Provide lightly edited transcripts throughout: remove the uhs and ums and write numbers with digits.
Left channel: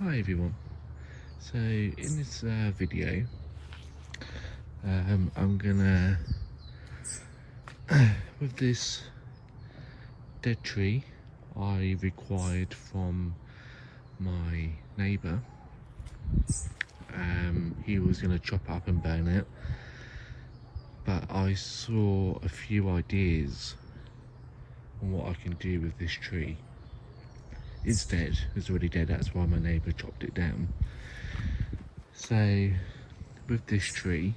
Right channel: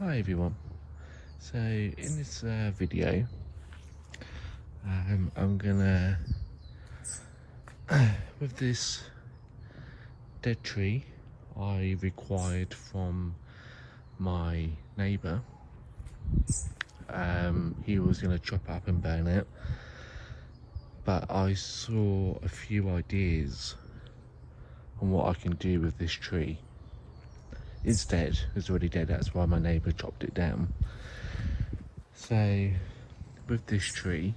Hi everyone. So in this video, I'm gonna with this dead tree I required from my neighbour. He was gonna chop up and burn it, but I saw a few ideas on what I can do with this tree. It's dead. It's already dead. That's why my neighbour chopped it down. So with this tree,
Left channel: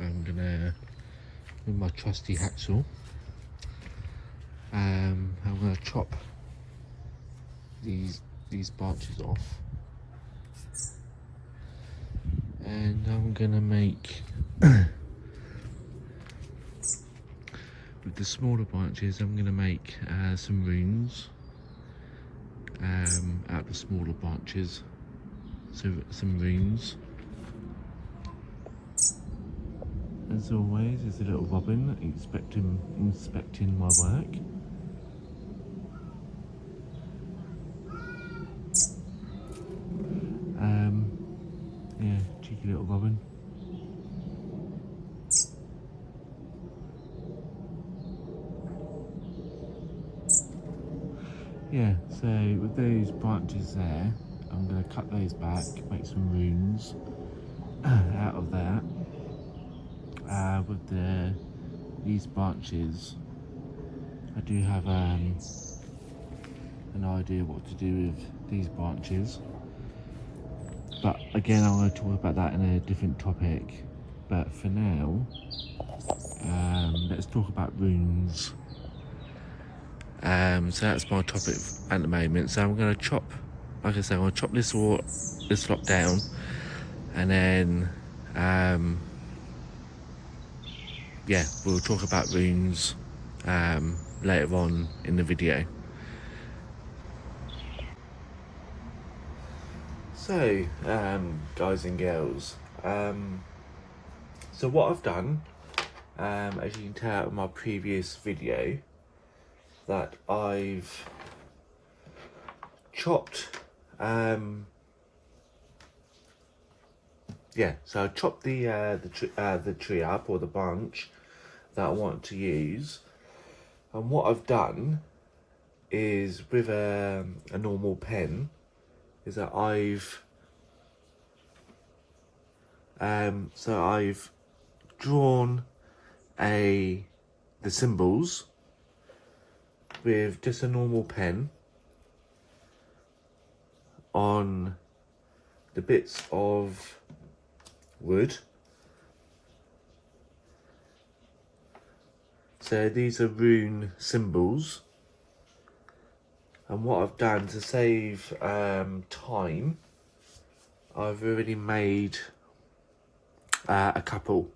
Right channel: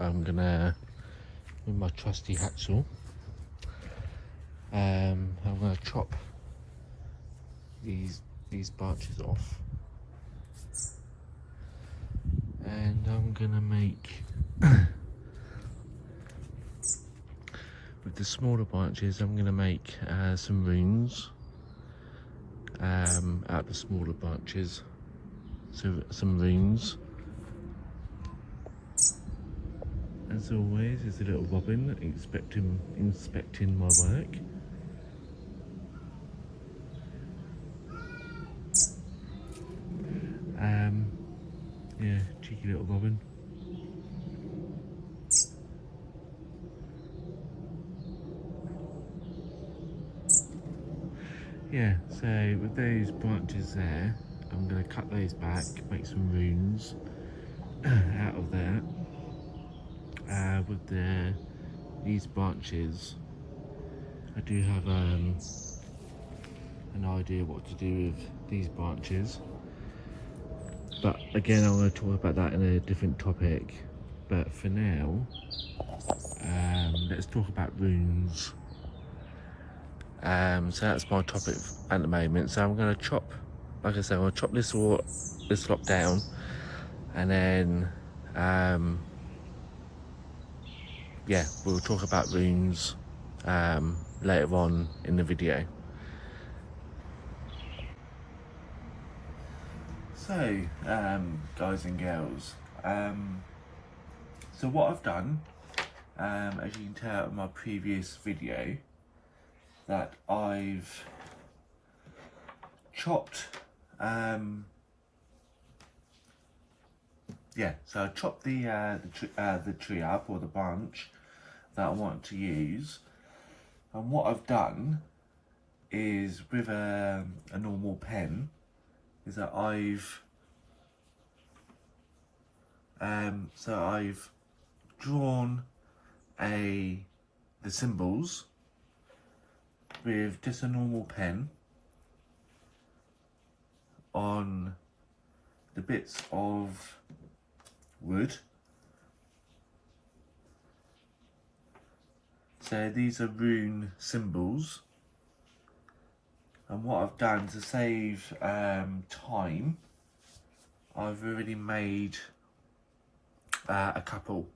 I'm gonna, with my trusty hacksaw, I'm gonna chop these branches off, and I'm gonna make with the smaller branches I'm gonna make some runes out of the smaller branches, so some runes. As always, there's a little robin inspecting my work. Yeah, cheeky little robin. Yeah, so with those branches there, I'm going to cut those back, make some runes out of that. With these branches, I do have an idea what to do with these branches. But again, I'm going to talk about that in a different topic. But for now, let's talk about runes. So that's my topic at the moment. So I'm going to chop, like I said, I'm going to chop this lot down, and then yeah, we'll talk about runes later on in the video. So guys and girls, so what I've done, as you can tell in my previous video, that I've chopped so I chopped the tree up, or the branch that I want to use, and what I've done is with a normal pen is that I've drawn the symbols with just a normal pen on the bits of wood. So these are rune symbols, and what I've done to save time, I've already made a couple.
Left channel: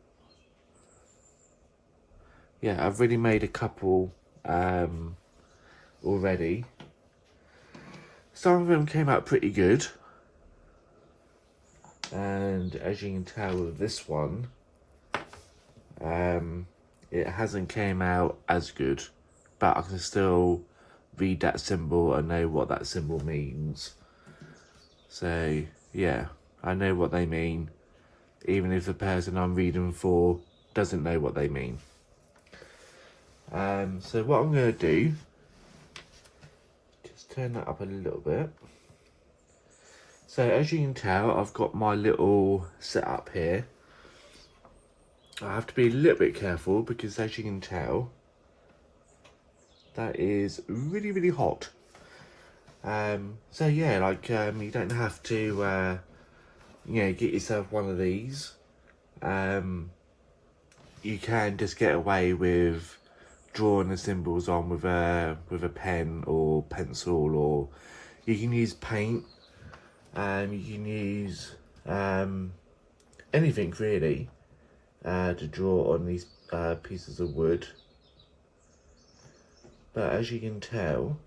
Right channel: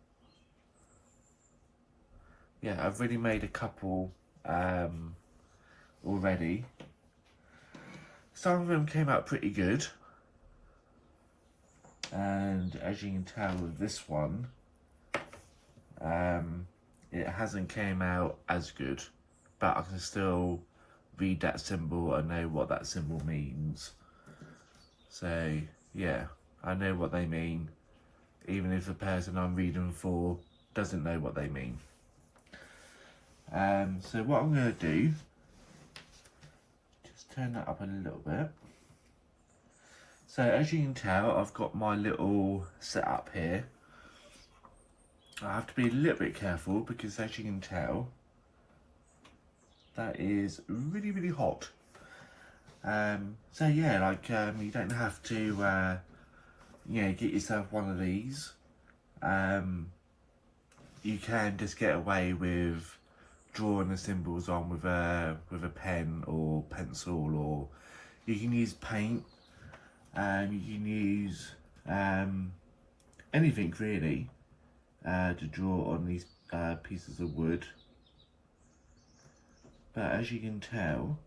Yeah, I've already made a couple already. Some of them came out pretty good, and as you can tell with this one, it hasn't came out as good, but I can still read that symbol and know what that symbol means. So yeah, I know what they mean, even if the person I'm reading for doesn't know what they mean. So what I'm going to do, just turn that up a little bit. So as you can tell, I've got my little setup here. I have to be a little bit careful because, as you can tell, that is really, really hot. So yeah, like you don't have to, get yourself one of these. You can just get away with drawing the symbols on with a pen or pencil, or you can use paint. You can use anything really to draw on these pieces of wood. But as you can tell,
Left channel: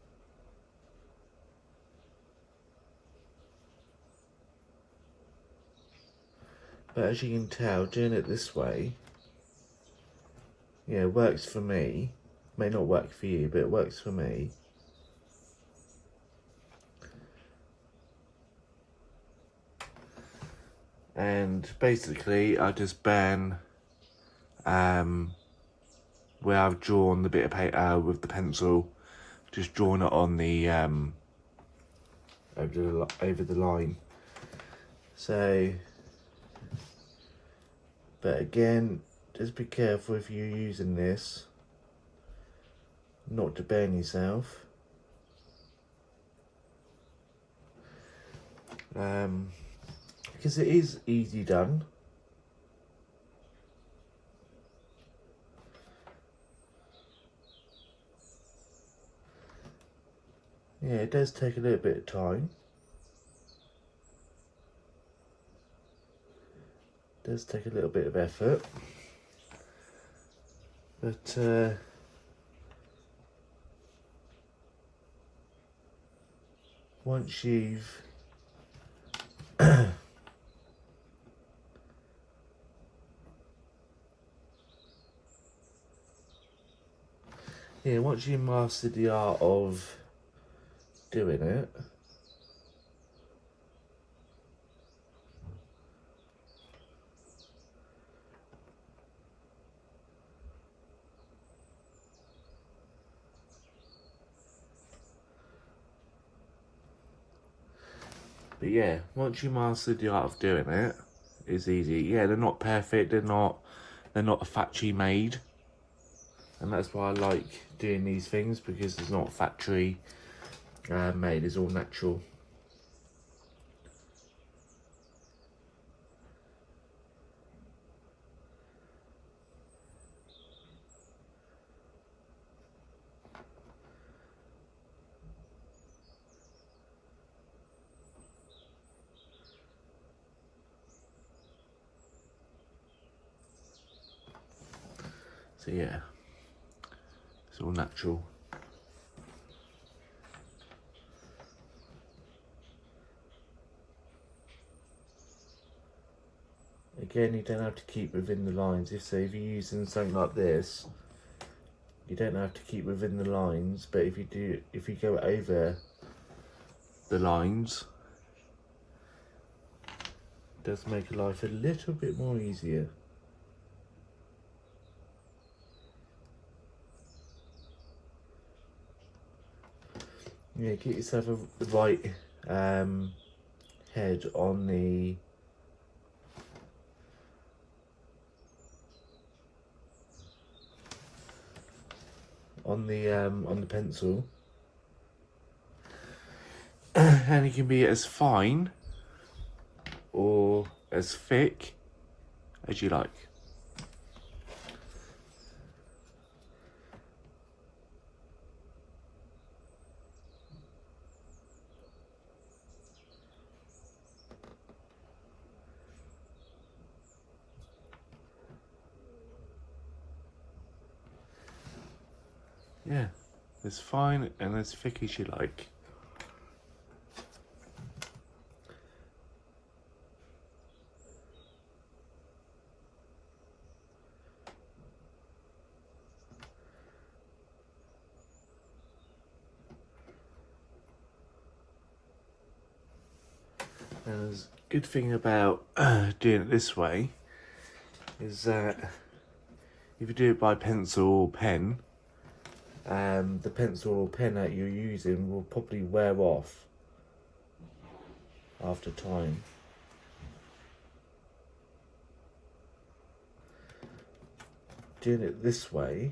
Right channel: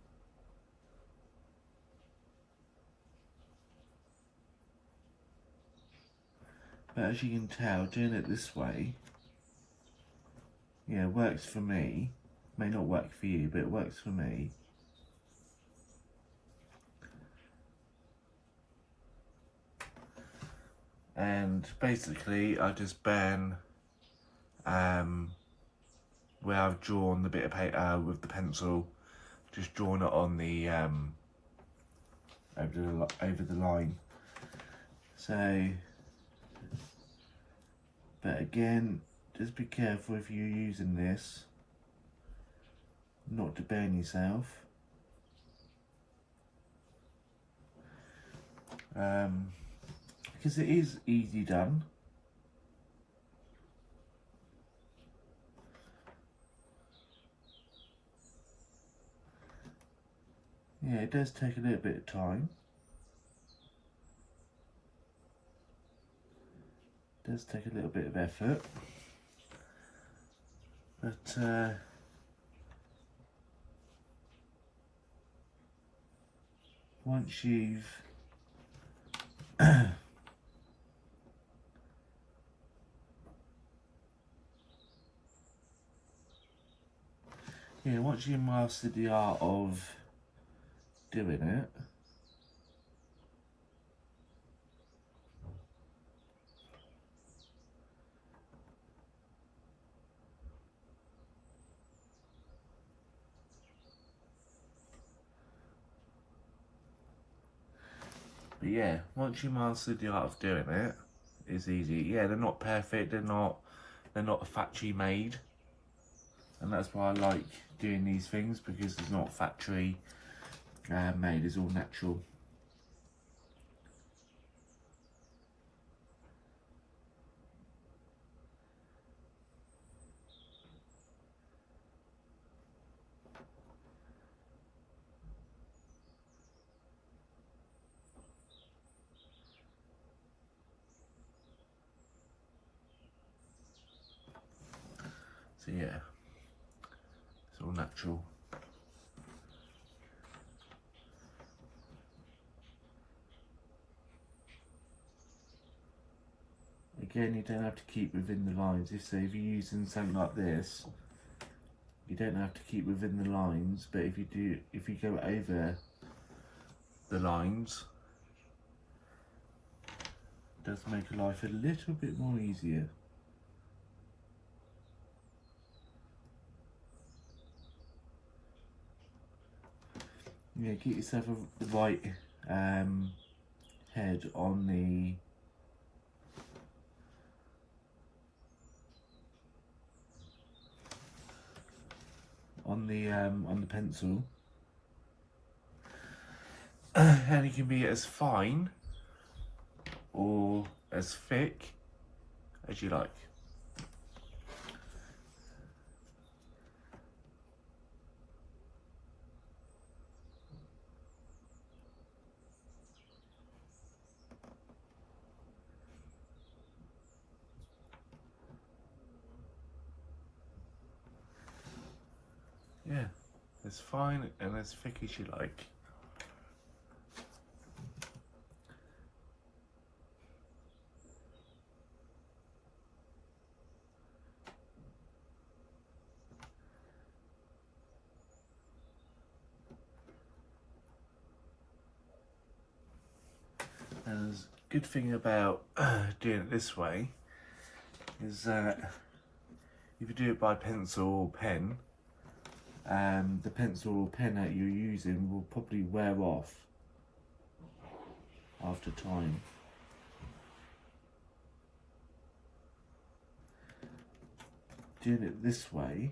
doing it this way, yeah, works for me. May not work for you, but it works for me. And basically I just burn where I've drawn the bit of paper with the pencil, just drawn it on the over the line. So, but again, just be careful if you're using this, not to burn yourself. Because it is easy done. Yeah, it does take a little bit of time. It does take a little bit of effort. But once you've once you master the art of doing it, but yeah, once you master the art of doing it, it's easy. Yeah, they're not perfect. They're not factory made, and that's why I like doing these things, because it's not factory made. It's all natural. So yeah, it's all natural. Again, you don't have to keep within the lines. If you're using something like this, you don't have to keep within the lines, but if you go over the lines, it does make life a little bit more easier. Yeah, get yourself a right head on the on the pencil, and it can be as fine or as thick as you like. Yeah, as fine and as thick as you like. And the good thing about doing it this way is that if you do it by pencil or pen, the pencil or pen that you're using will probably wear off after time. Doing it this way,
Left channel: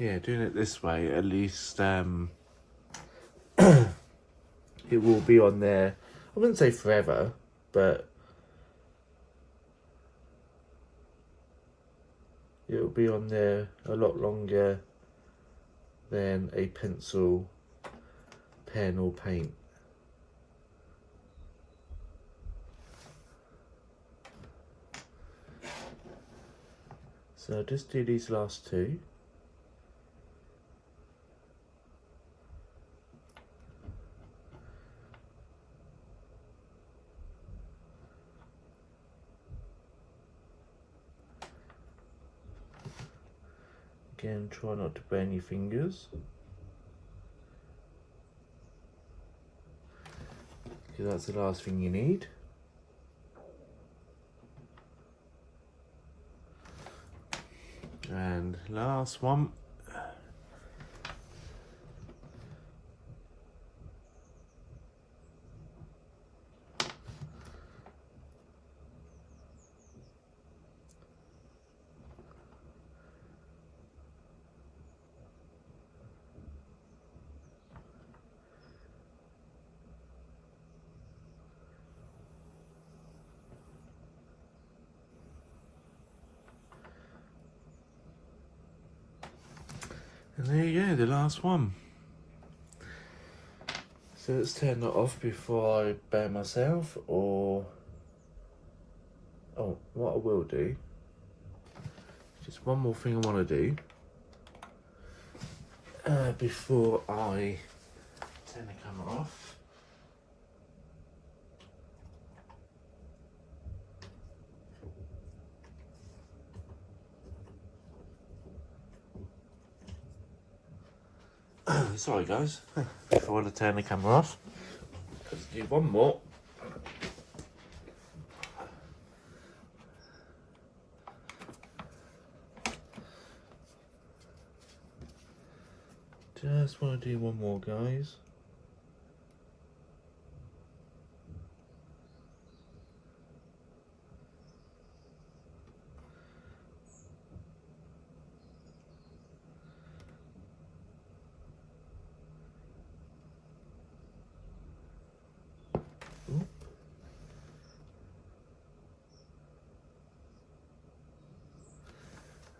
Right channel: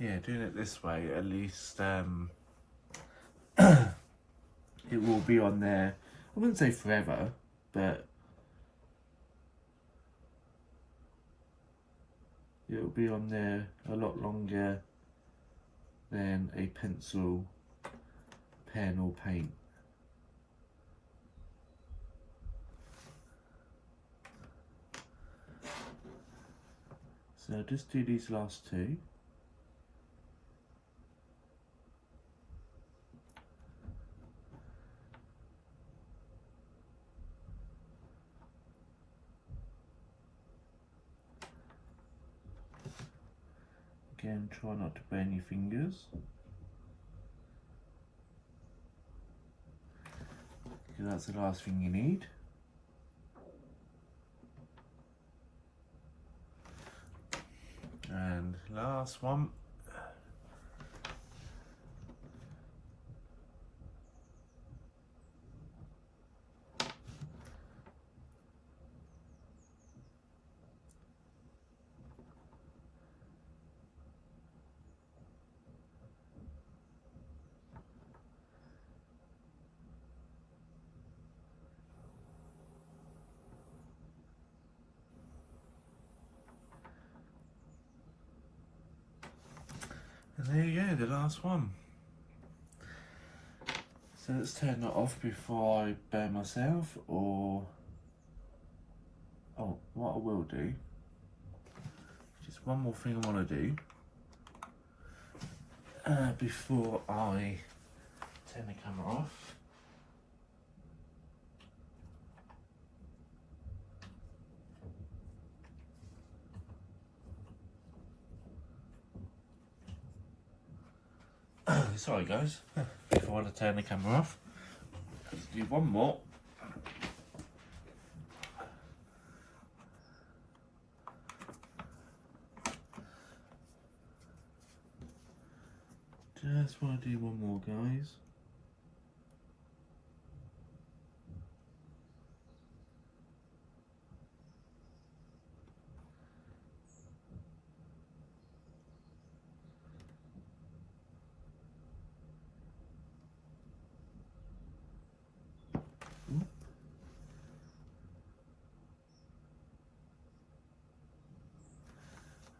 at least it will be on there. I wouldn't say forever, but it will be on there a lot longer than a pencil, pen or paint. So I'll just do these last two. Again, try not to burn your fingers. because that's the last thing you need. And last one. And there you go, the last one. So let's turn that off before I burn myself, or... Oh, what I will do, just one more thing I want to do before I turn the camera off. Sorry guys, before I turn the camera off, let's do one more. Just want to do one more, guys.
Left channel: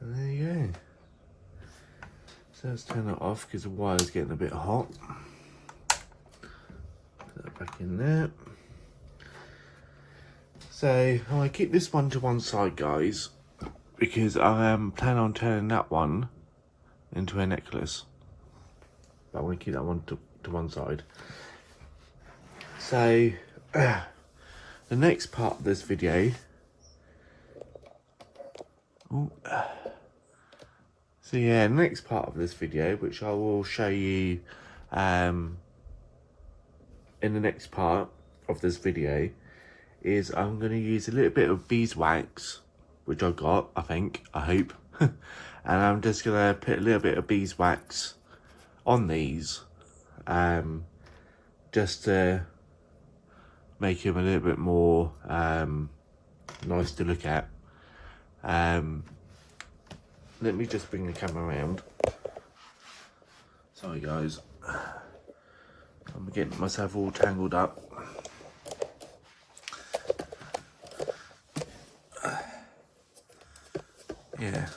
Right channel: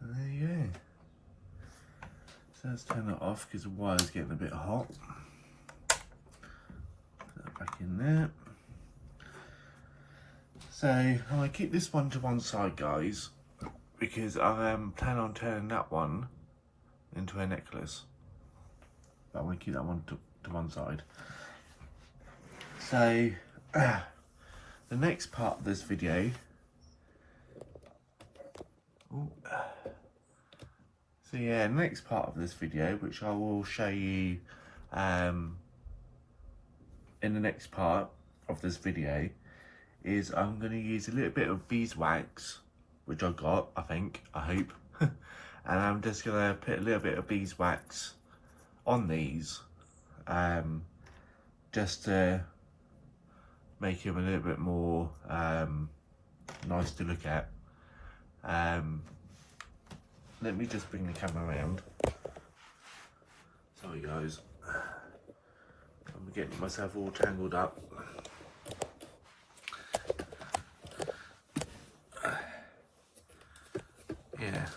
And there you go. So let's turn that off because the wire's getting a bit hot. Put that back in there. So I'm going to keep this one to one side, guys, because I am planning on turning that one into a necklace. But I'm going to keep that one to one side. So the next part of this video, so yeah, next part of this video, which I will show you in the next part of this video, is I'm going to use a little bit of beeswax, which I've got, I hope, and I'm just going to put a little bit of beeswax on these, just to make them a little bit more nice to look at. Let me just bring the camera around. Sorry guys, I'm getting myself all tangled up. Yeah,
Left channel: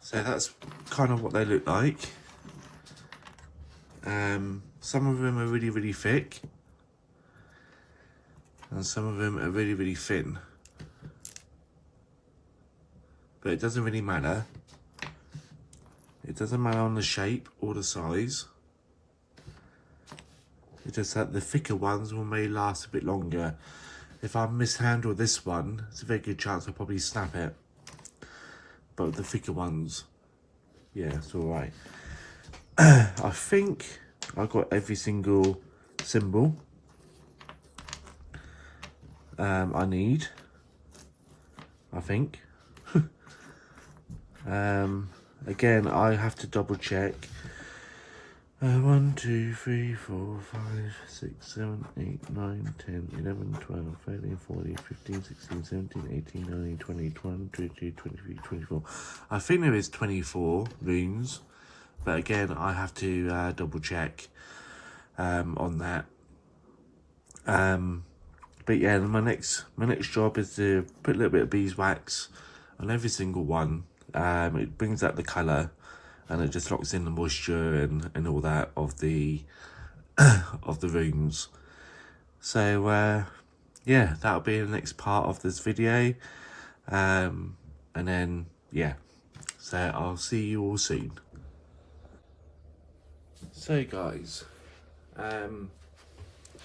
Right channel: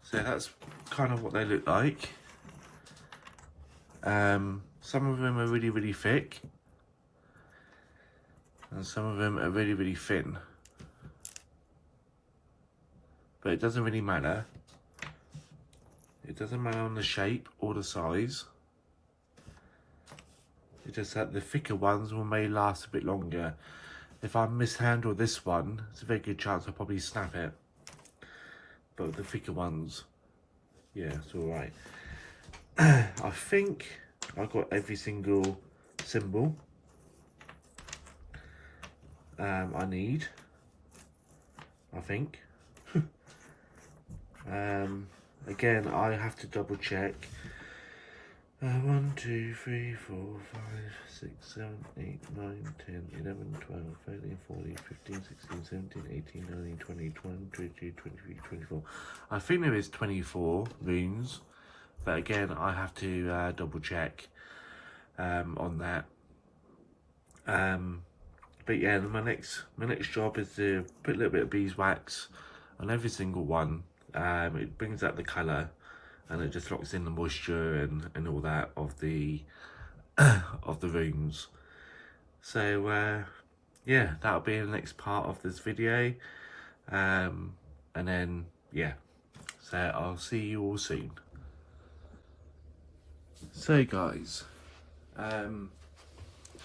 so that's kind of what they look like. Some of them are really, really thick, and some of them are really, really thin. But it doesn't really matter. It doesn't matter on the shape or the size. It's just that the thicker ones may last a bit longer. If I mishandle this one, it's a very good chance I'll probably snap it. But with the thicker ones, yeah, it's alright. I think I got every single symbol I need, I think. Again, I have to double check. 1, 2, 3, 4, 5, 6, 7, 8, 9, 10, 11, 12, 13, 14, 15, 16, 17, 18, 19, 20, 21, 22, 23, 24. I think there is 24 runes, but again, I have to double check on that. But yeah, my next job is to put a little bit of beeswax on every single one. It brings out the colour, and it just locks in the moisture and all that of the of the runes. So yeah, that'll be the next part of this video, and then yeah, so I'll see you all soon. So guys, I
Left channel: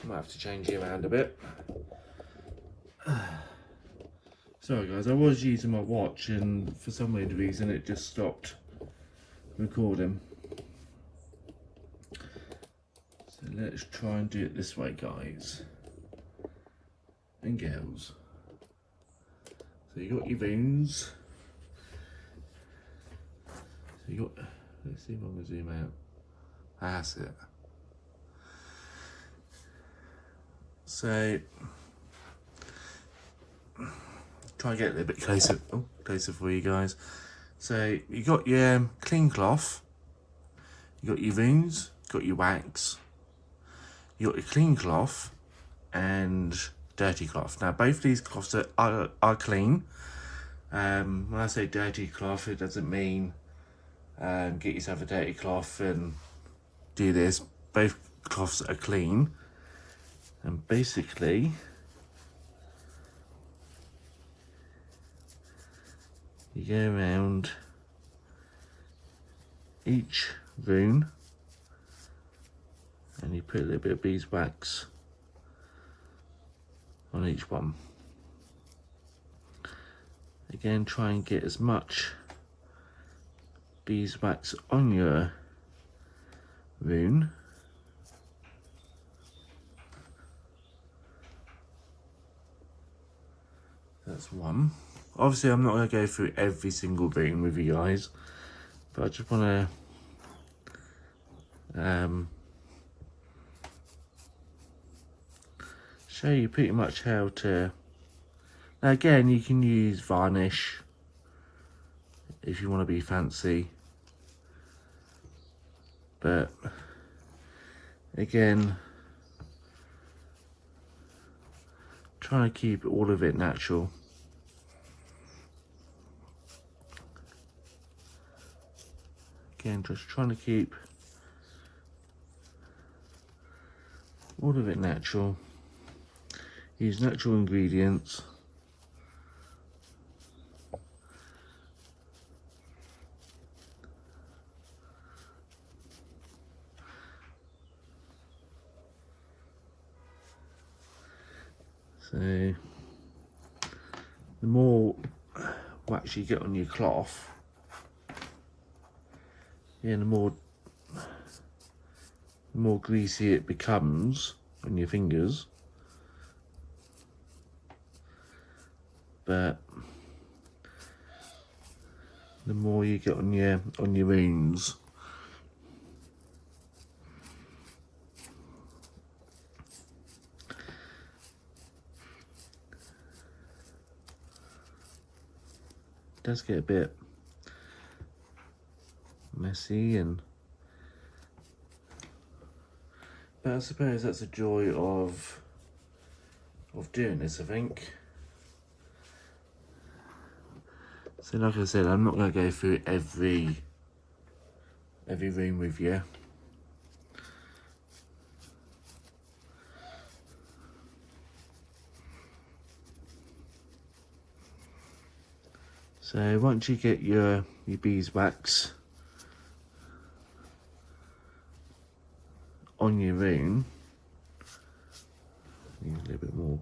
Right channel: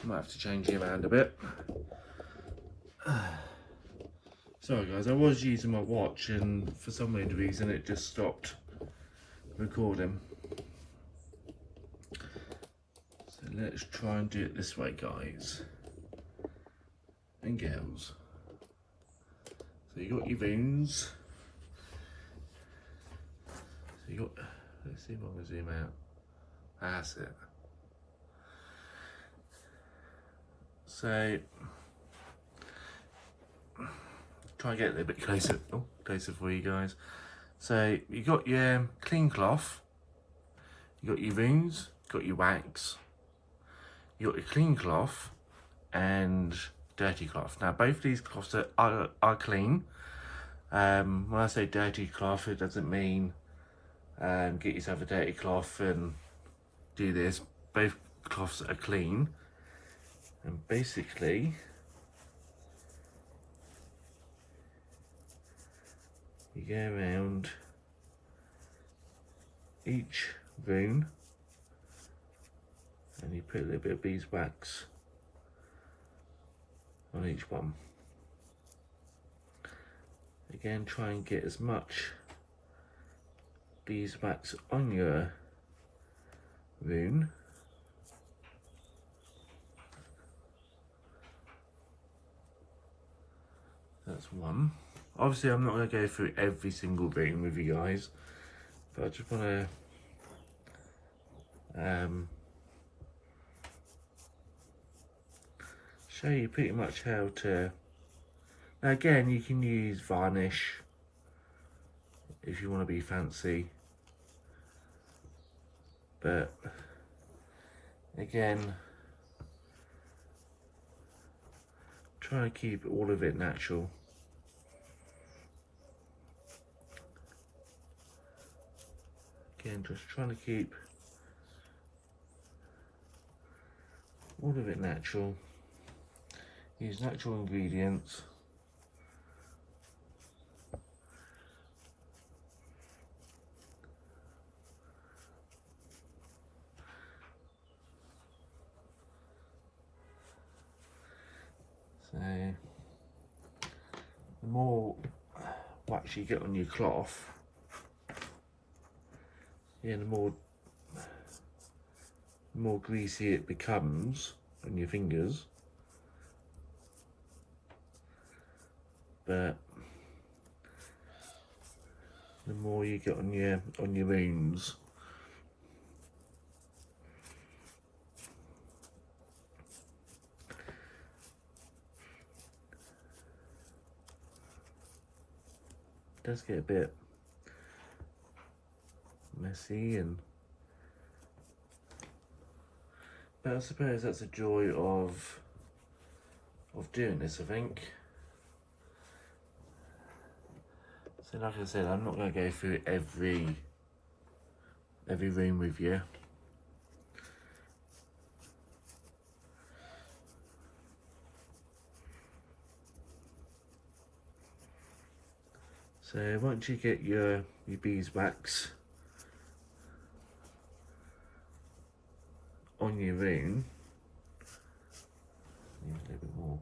might have to change you around a bit. Sorry guys, I was using my watch and for some weird reason it just stopped recording. So let's try and do it this way, guys and girls. So you got your wounds. So you got, let's see if I can zoom out. That's it. So try and get a little bit closer. Oh, closer for you guys. So you got your clean cloth, you got your wounds, got your wax, you got your clean cloth and dirty cloth. Now both these cloths are clean. When I say dirty cloth, it doesn't mean get yourself a dirty cloth and do this. Both cloths are clean, and basically you go around each wound and you put a little bit of beeswax on each one. Again, try and get as much beeswax on your wound that's one. Obviously I'm not going to go through every single wound with you guys, but I just want to show you pretty much how to. Now again, you can use varnish if you want to be fancy, but again, try to keep all of it natural. Again, just trying to keep all of it natural. Use natural ingredients. So the more wax you get on your cloth, yeah, the more greasy it becomes on your fingers. But the more you get on your wounds. It does get a bit messy, but I suppose that's the joy of doing this, I think. So like I said, I'm not going to go through every room with you. So once you get your beeswax on your room, need a little bit more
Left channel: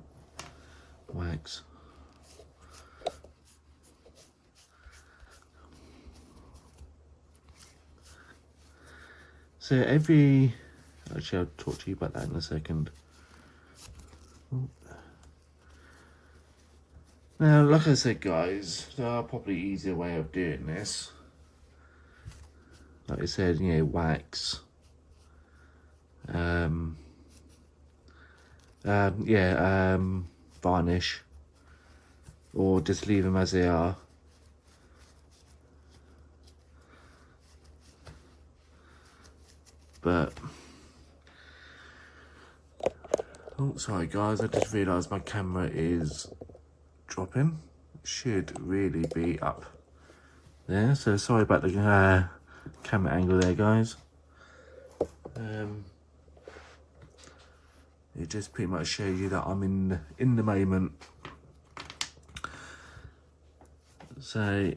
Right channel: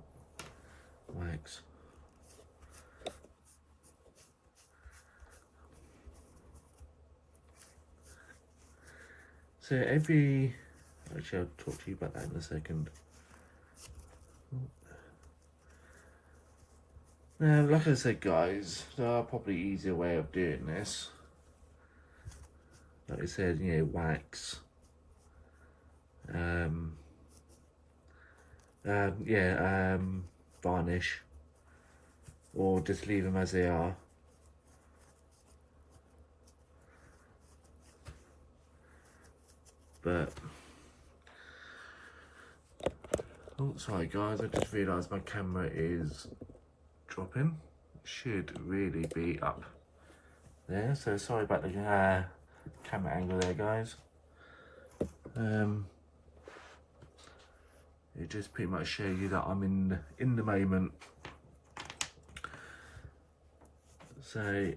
wax. So actually I'll talk to you about that in a second. Now, like I said, guys, there are probably easier way of doing this. Like I said, you know, wax. Varnish. Or just leave them as they are. But, oh, sorry guys, I just realised my camera is dropping. It should really be up there, so sorry about the camera angle there, guys. It just pretty much shows you that I'm in the moment. So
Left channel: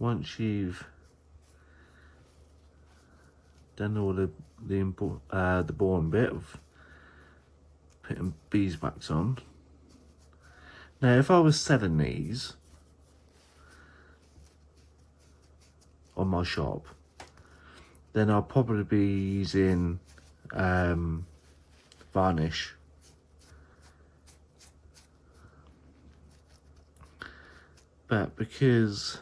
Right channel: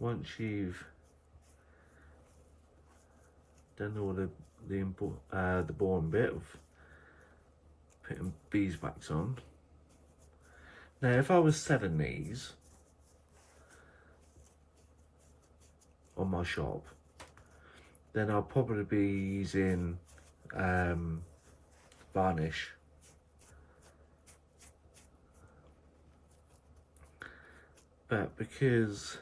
once you've done all the boring bit of putting beeswax on. Now, if I was selling these on my shop, then I'll probably be using varnish. But because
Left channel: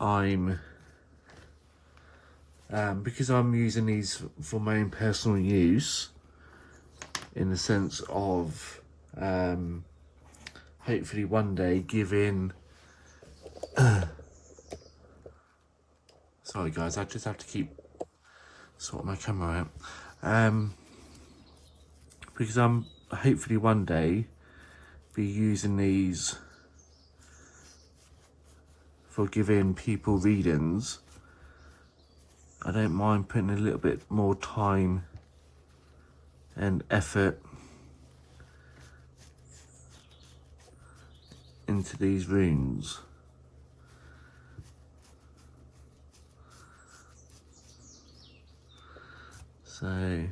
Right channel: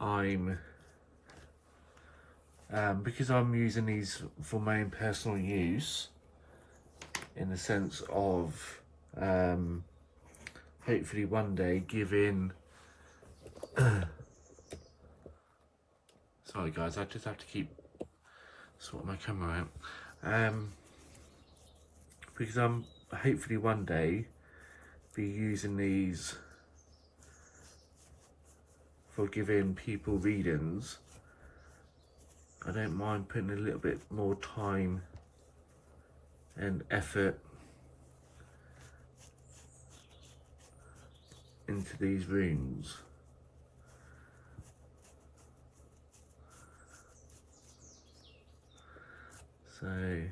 I'm using these for my own personal use, in the sense of hopefully one day giving sorry guys, I just have to keep sorting my camera out. Because I'm hopefully one day be using these for giving people readings, I don't mind putting a little bit more time and effort into these runes. So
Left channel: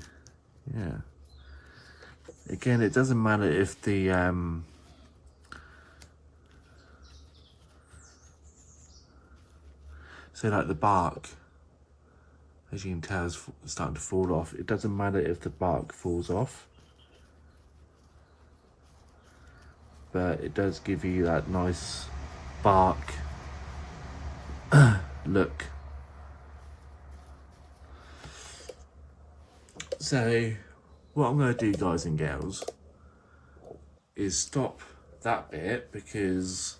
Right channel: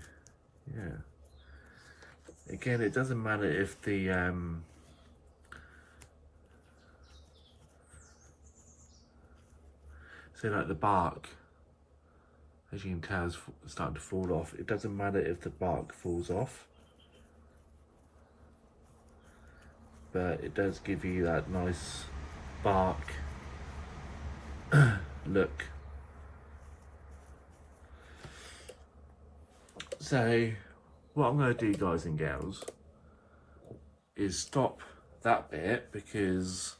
yeah, again, it doesn't matter if the so like the bark, as you can tell, is starting to fall off. It doesn't matter if the bark falls off, but it does give you that nice bark look. So what I'm going to do, guys and girls, is stop that bit, because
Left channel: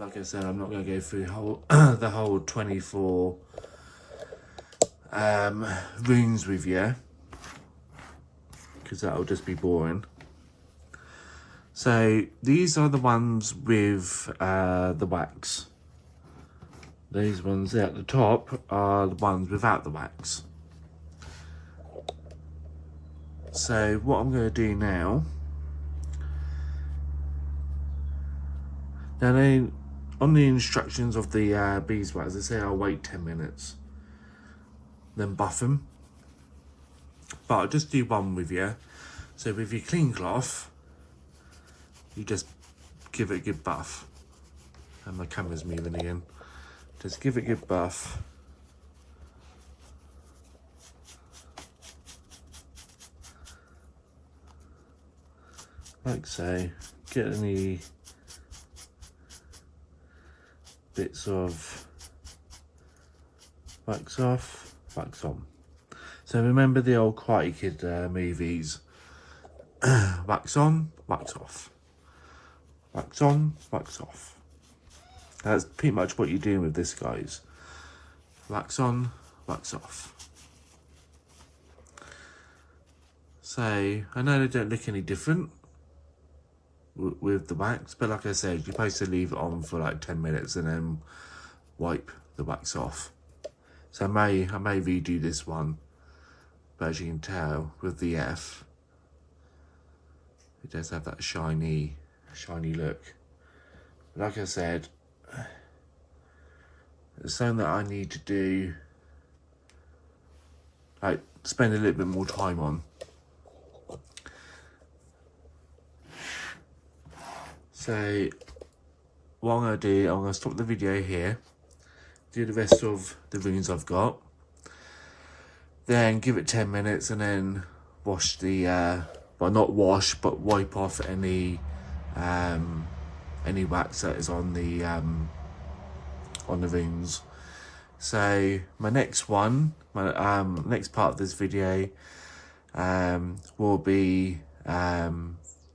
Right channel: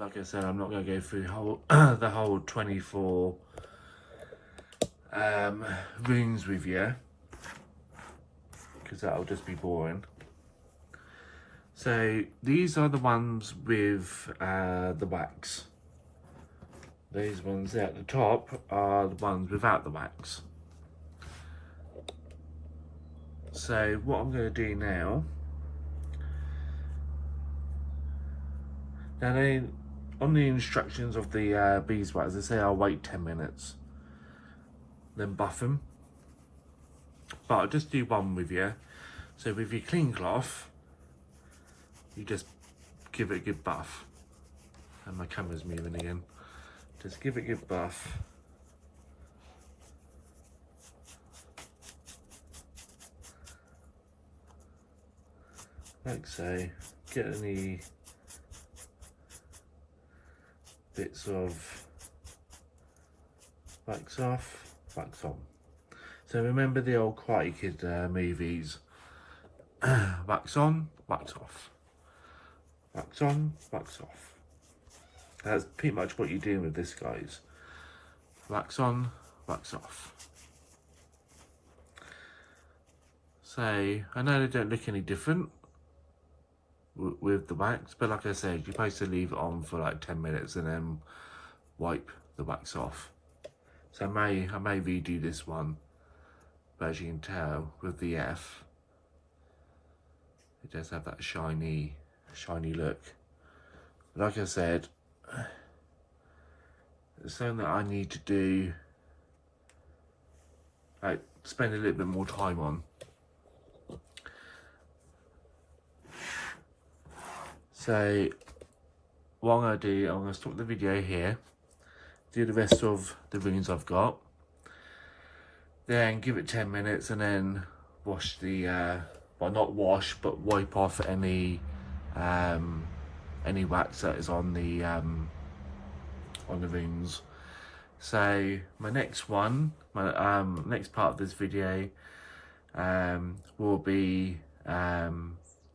like I said, I'm not going to go through the whole 24 runes with you, because that'll just be boring. So these are the ones with the wax. These ones there at the top are the ones without the wax. So what I'm going to do now, on the instructions of the beeswax, they say I'll wait 10 minutes, then buff them. But I'll just do one with you. So with your clean cloth, you just give it a good buff. And my camera's moving again. Just give it a good buff. Like so. Get any bits of wax off, wax on. So remember the old Karate Kid movies. Wax on, wax off. Wax on, wax off. That's pretty much what you're doing with this, guys. Wax on, wax off. So I know they don't look any different with the wax, but like I said, you're supposed to leave it on for like 10 minutes and then wipe the wax off. So I may redo this one, but as you can tell with the F, it does have that shiny look. Like I said, it's something that I need to do, like spend a little bit more time on. So what I'm going to do, I'm going to stop the video here, do the rest of the runes I've got, then give it 10 minutes and then wash the, well not wash, but wipe off any wax that is on the runes. So my next one, my next part of this video will be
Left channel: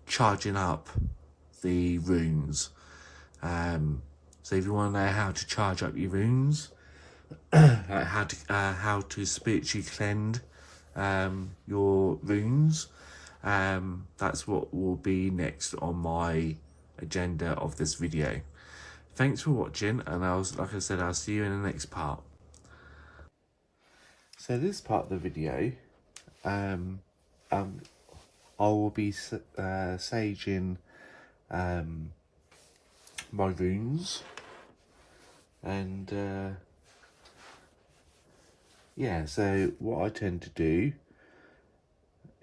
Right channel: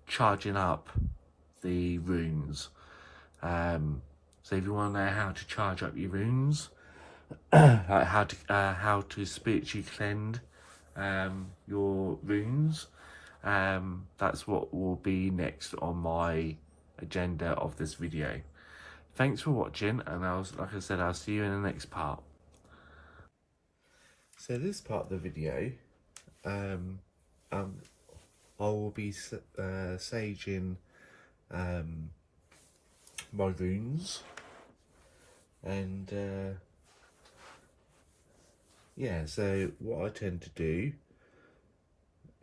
charging up the runes. So if you want to know how to charge up your runes, like how to spiritually cleanse your runes, that's what will be next on my agenda of this video. Thanks for watching, and like I said, I'll see you in the next part. So this part of the video, I will be saging my runes, and yeah, so what I tend to do,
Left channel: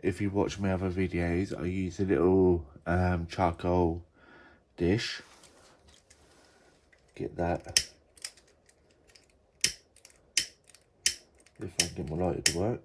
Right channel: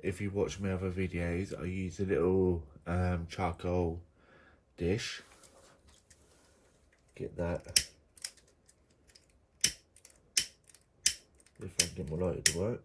if you watch my other videos, I use a little charcoal dish. Get that. If I can get my lighter to work.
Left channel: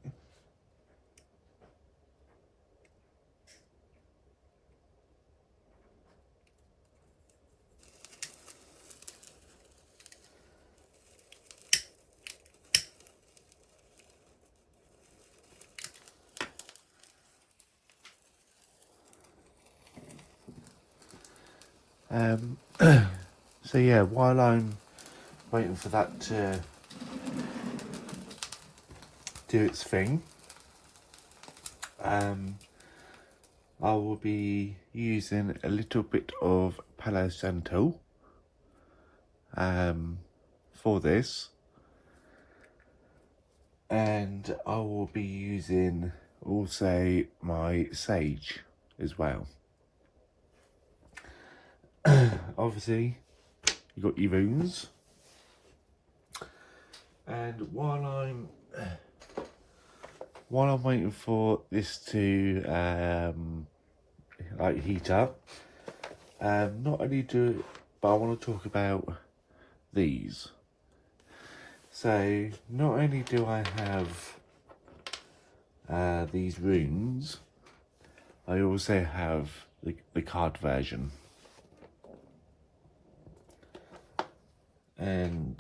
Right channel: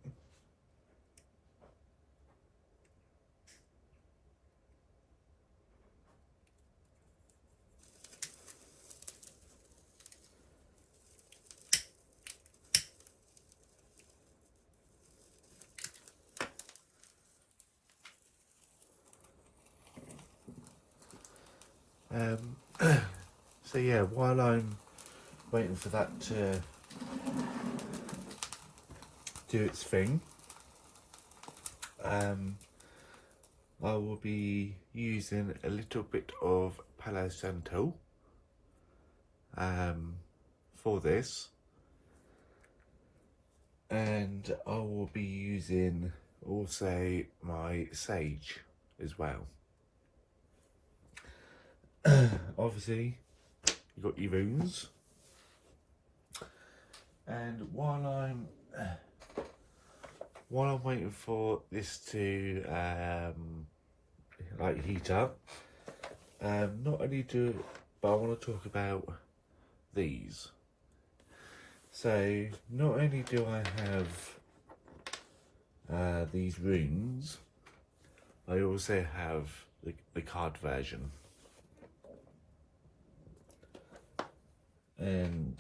So yeah, while I'm waiting for that to do its thing, I will be using a little bit of Palo Santo for this, and I will be using also my sage as well. Obviously, you got your runes, and while I'm waiting for this to like heat up, not only do, but I want to talk about these. So not only do I have these runes, I also have the card version. And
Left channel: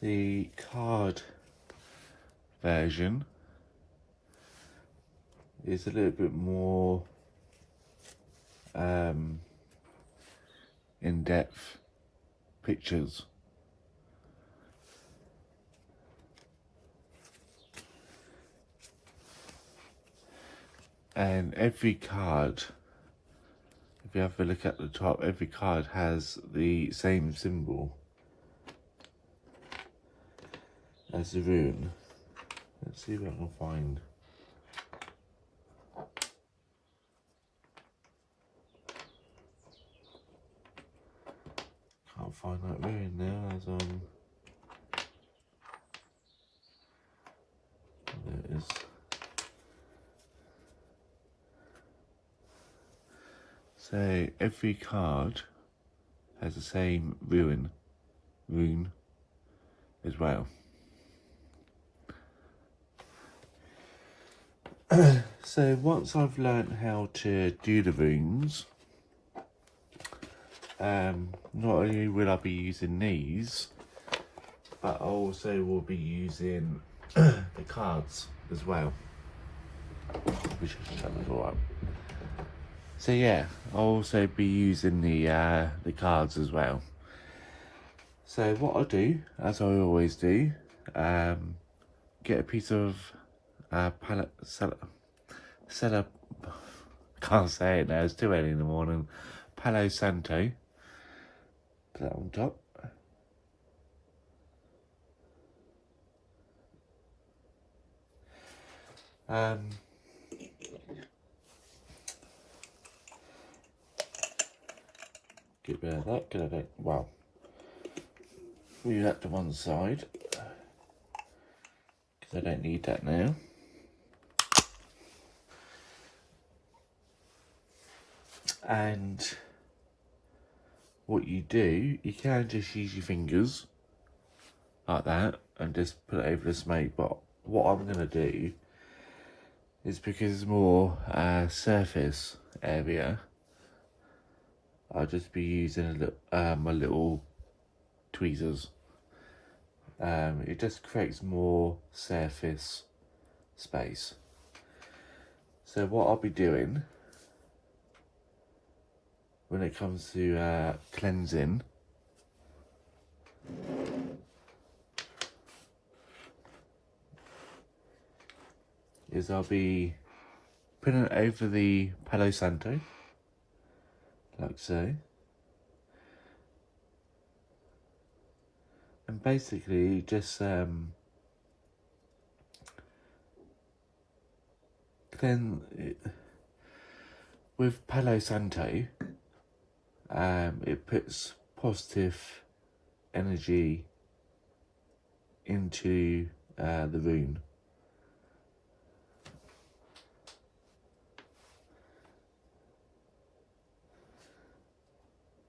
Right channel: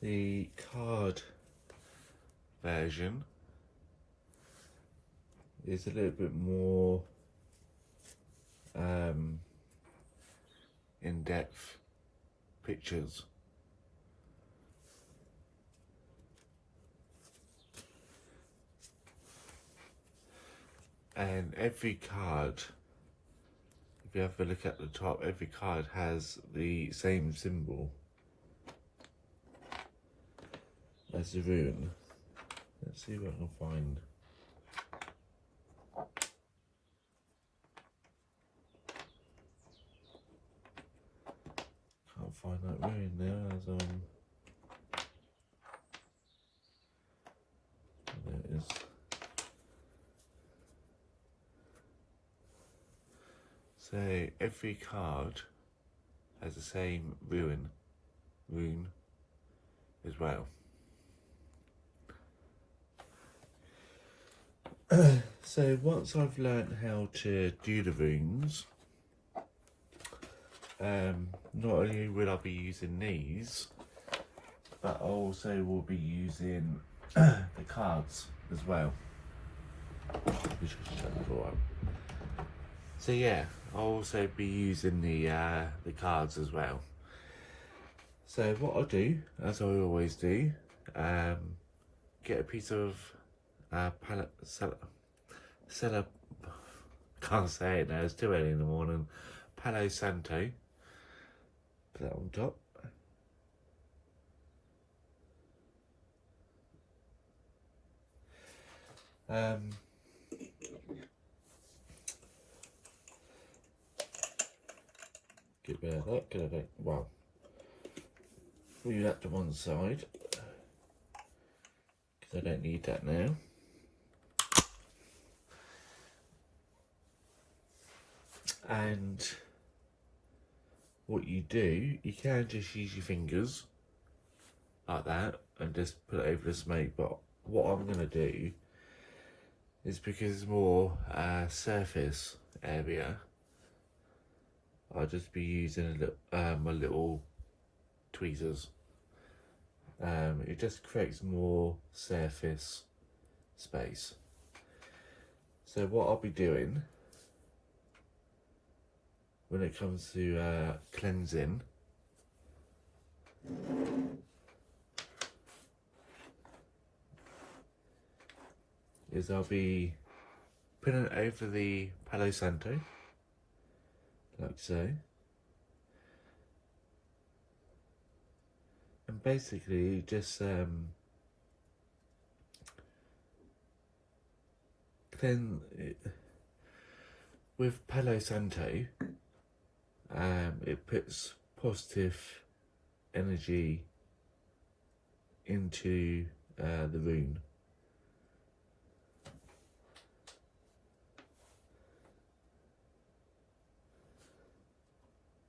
the card version is a little bit more in-depth pictures. And every card, if you have a look at the top, every card has the same symbol as the rune. Let's see if I can find. Can't find that rune now as there it is. So every card has the same rune as well. So once I've learned how to do the runes, not only will I be using these, but I also will be using the cards as well. Which is alright. So yeah, I'll also be using the cards as well. So what I'll do, as I always do, get a piece of can't say it now, it's too early in the morning. Palo Santo. Put that on top. Get rid of that, get it. Well, move that to one side, because I don't need that now. And what you do, you can just use your fingers like that and just put it over the smoke, but what I'm going to do is, because it's more surface area, I'll just be using my little tweezers. It just creates more surface space. So what I'll be doing when it comes to cleansing is I'll be putting it over the Palo Santo, like so. And basically just cleanse it. With Palo Santo, it puts positive energy into the rune.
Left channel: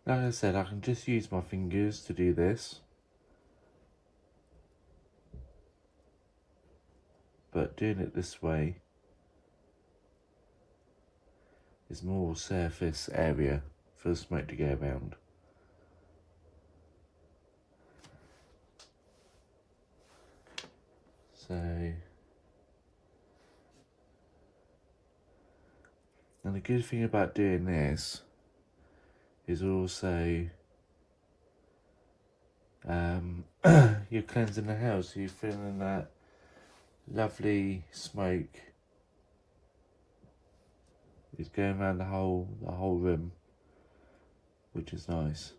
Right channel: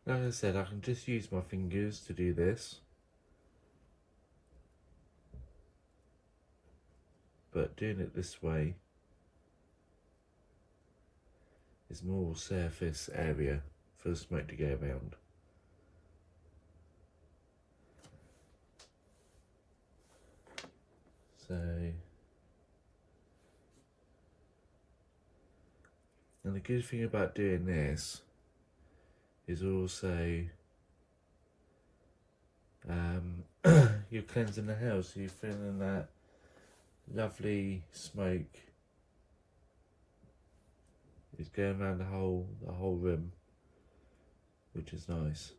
Like I said, I can just use my fingers to do this. But doing it this way is more surface area for the smoke to go around. So, and the good thing about doing this is also you're cleansing the house, so you're feeling that lovely smoke is going around the whole room, which is nice.